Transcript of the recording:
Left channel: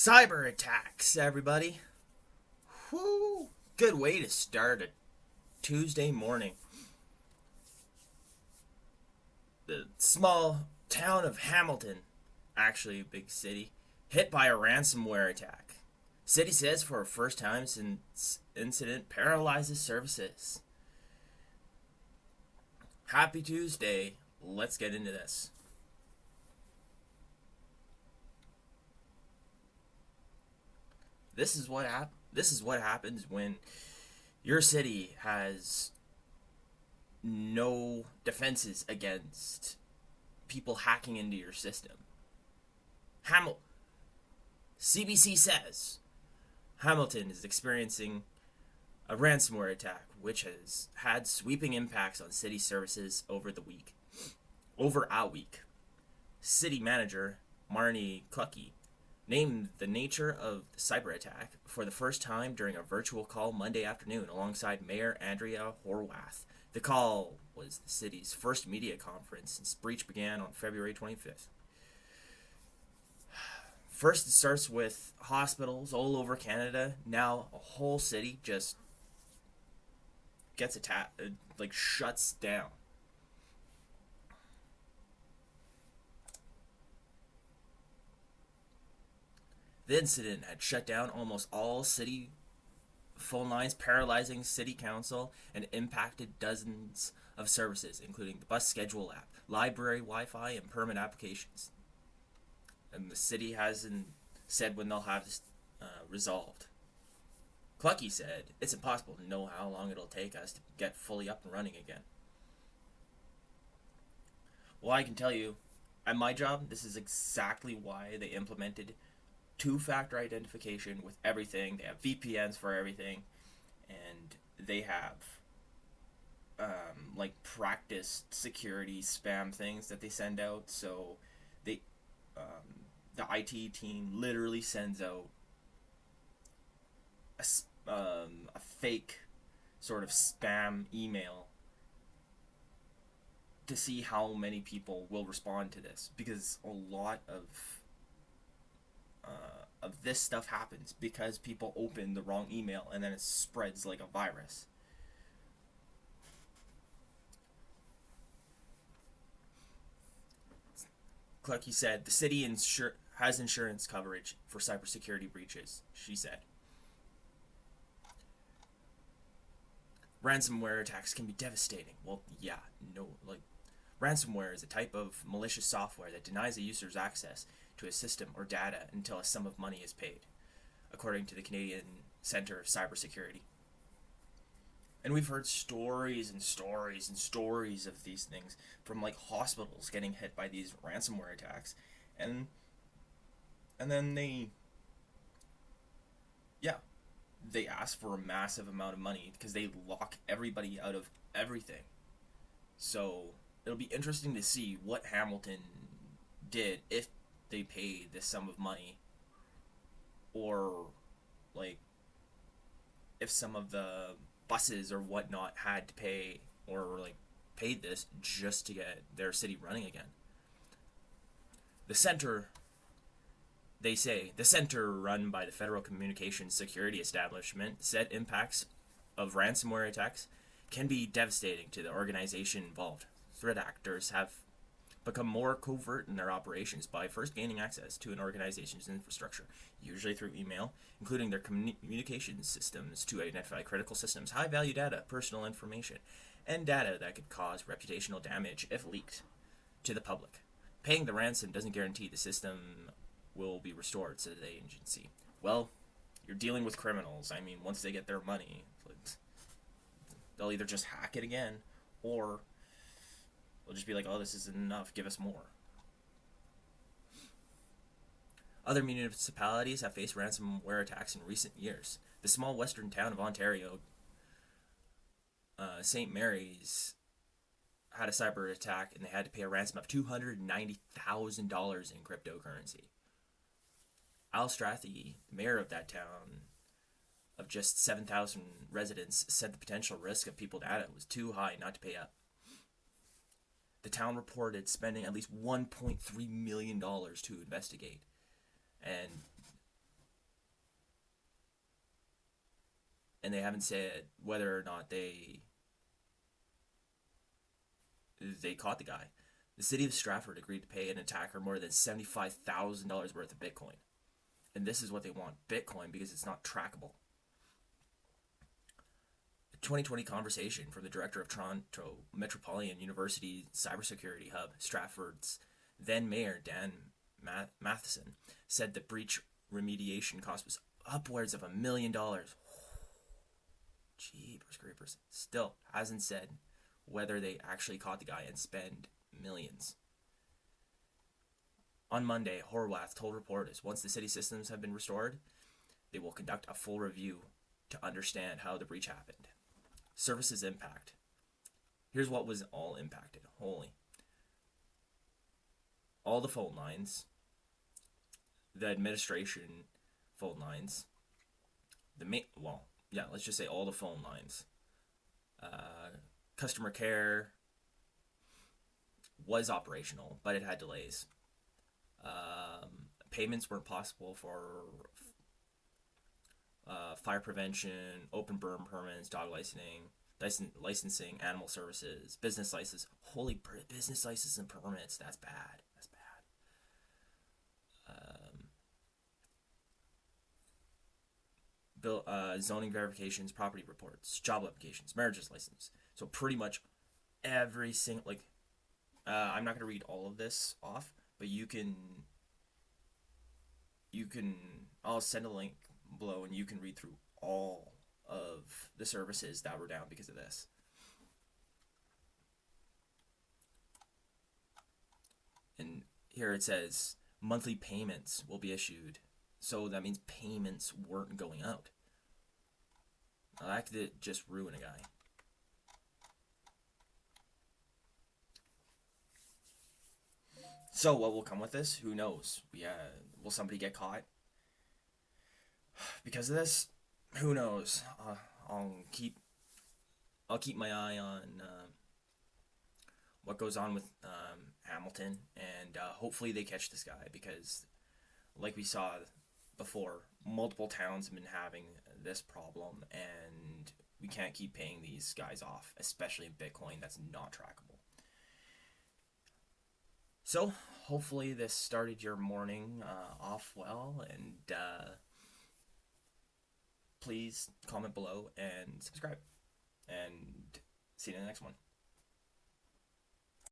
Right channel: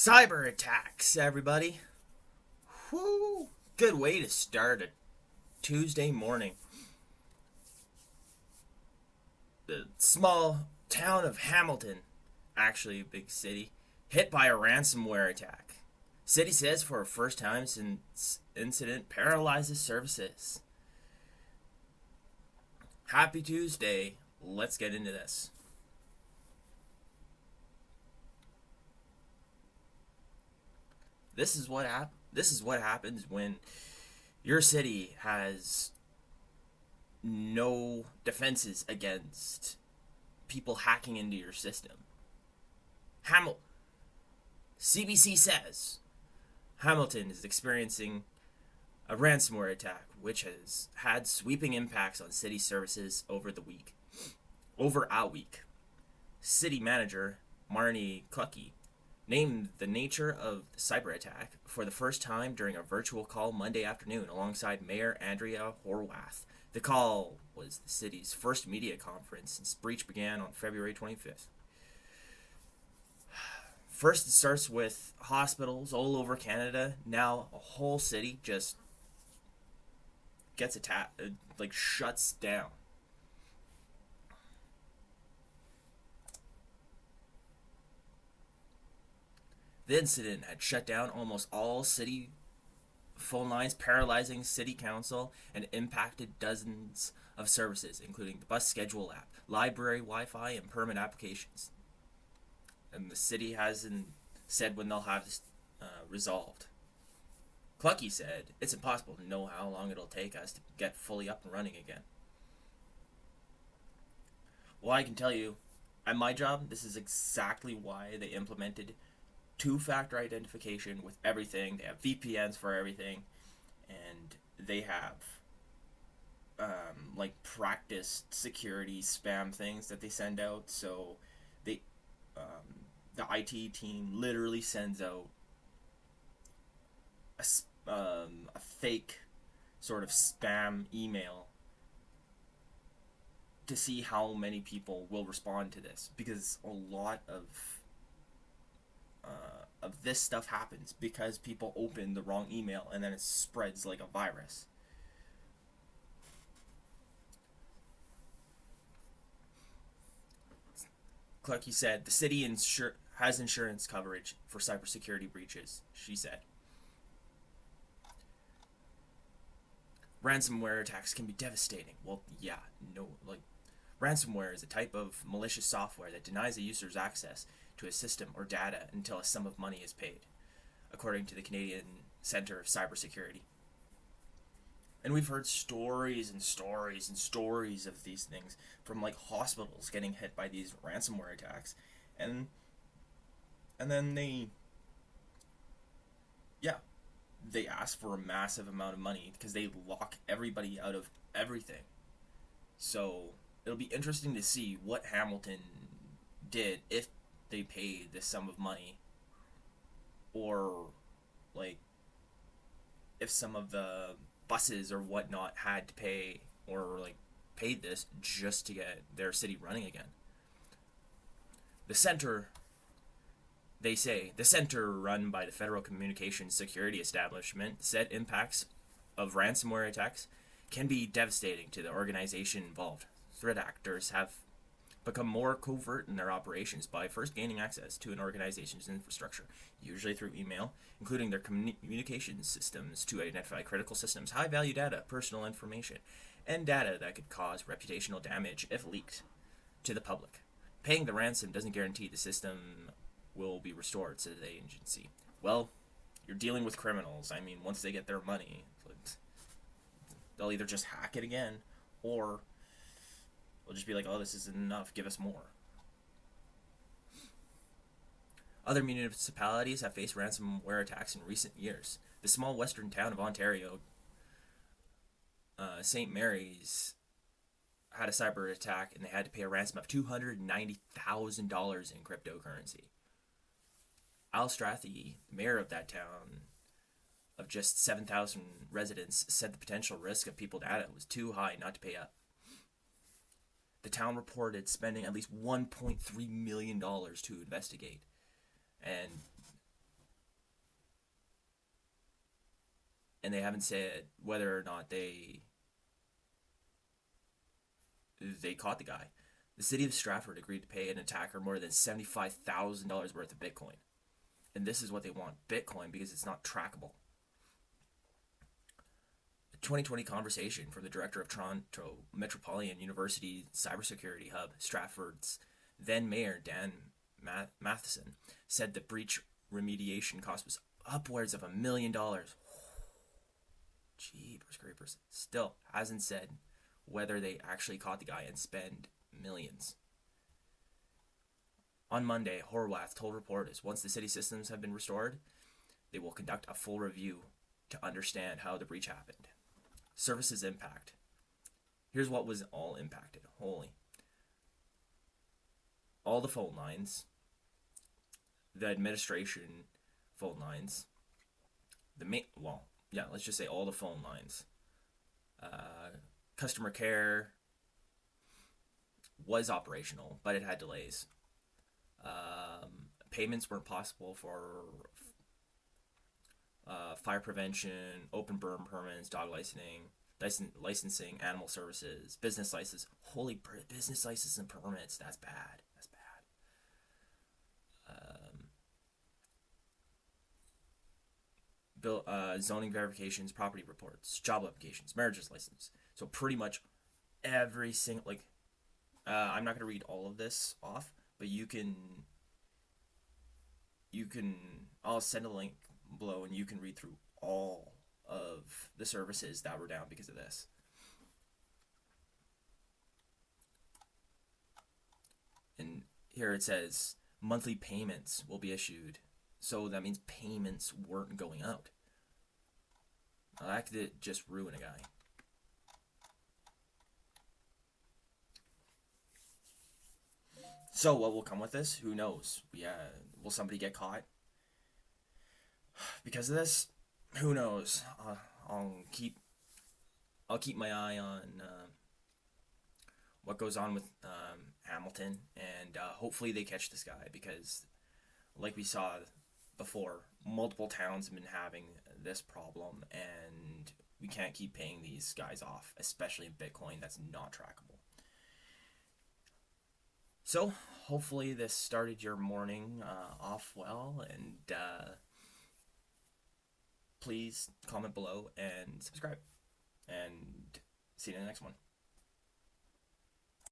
Cyber attacks, everybody. Whoo! Good way to start a Tuesday morning. The small town of Hamilton, actually a big city, hit by a ransomware attack. City says for the first time since incident paralyzes services. Happy Tuesday. Let's get into this. This is what happens when your city has no defenses against people hacking into your system. Hamilton CBC says Hamilton is experiencing a ransomware attack which has had sweeping impacts on city services over a week. City manager Marnie Clucky named the nature of the cyber attack for the first time during a virtual call Monday afternoon alongside Mayor Andrea Horwath. The call was the city's first media conference since breach began on February 25th. First, it starts with hospitals all over Canada. Now, a whole city just gets attacked, shuts down. The incident had shut down almost all city phone lines, paralyzing city council, and impacted dozens of services, including the bus schedule app, library Wi-Fi, and permit applications. And the city hasn't said when they'll have this resolved. Clucky said, "It's impossible to know how long it'll take us to get fully up and running again." Well, I can tell you, at my job, this is exactly why they implemented two-factor identification with everything. They have VPNs for everything, and they have practice security spam things that they send out. So they the IT team literally sends out a fake sort of spam email to see how many people will respond to this, because a lot of this stuff happens because people open the wrong email and then it spreads like a virus. Clucky said the city has insurance coverage for cybersecurity breaches, she said. Ransomware attacks can be devastating. Well, yeah, no, ransomware is a type of malicious software that denies a user's access to a system or data until a sum of money is paid, according to the Canadian Centre of Cybersecurity. And we've heard stories and stories and stories of these things from hospitals getting hit by these ransomware attacks. And then they ask for a massive amount of money because they lock everybody out of everything. So it'll be interesting to see what Hamilton did, if they paid this sum of money, or if some of the buses or whatnot had to pay, or paid this just to get their city running again. The center, they say, the center run by the Federal Communications Security Establishment said impacts of ransomware attacks can be devastating to the organization involved. Threat actors have become more covert in their operations by first gaining access to an organization's infrastructure, usually through email, including their communications systems, to identify critical systems, high-value data, personal information, and data that could cause reputational damage if leaked to the public. Paying the ransom doesn't guarantee the system will be restored, said the agency. Well, you're dealing with criminals. I mean, once they get their money, they'll either just hack it again, or they'll just be like, "Oh, this isn't enough, give us more." Other municipalities have faced ransomware attacks in recent years. The small western town of Ontario, St. Mary's, had a cyber attack, and they had to pay a ransom of $290,000 in cryptocurrency. Al Strathy, the mayor of that town, of just 7,000 residents, said the potential risk of people's data was too high not to pay up. The town reported spending at least $1.3 million to investigate. And and they haven't said whether or not they caught the guy. The city of Stratford agreed to pay an attacker more than $75,000 worth of Bitcoin. And this is what they want, Bitcoin, because it's not trackable. A 2020 conversation from the director of Toronto Metropolitan University Cybersecurity Hub, Stratford's then mayor Dan Matheson, said the breach remediation cost was upwards of $1 million. Jeepers creepers. Still hasn't said whether they actually caught the guy and spend millions. On Monday, Horwath told reporters once the city systems have been restored, they will conduct a full review to understand how the breach happened. Services impact. Here's what was all impacted. Holy. All the phone lines, the administration phone lines, let's just say all the phone lines. Customer care was operational, but it had delays. Payments weren't possible for fire prevention, open burn permits, dog licensing, animal services, business licenses. Holy business licenses and permits. That's bad. That's bad. Zoning verifications, property reports, job applications, marriages license. So pretty much every single I'm not going to read all of this off, but you can. I'll send a link below, and you can read through all of the services that were down because of this. And here it says monthly payments will be issued. So that means payments weren't going out. That could just ruin a guy. So what will come with this? Who knows? Will somebody get caught because of this? Who knows? I'll keep my eye on what goes on with Hamilton, and hopefully they catch this guy, because, like we saw before, multiple towns have been having this problem, and we can't keep paying these guys off, especially in Bitcoin that's not trackable. So, hopefully this started your morning off well, and please comment below and subscribe. And see you in the next one.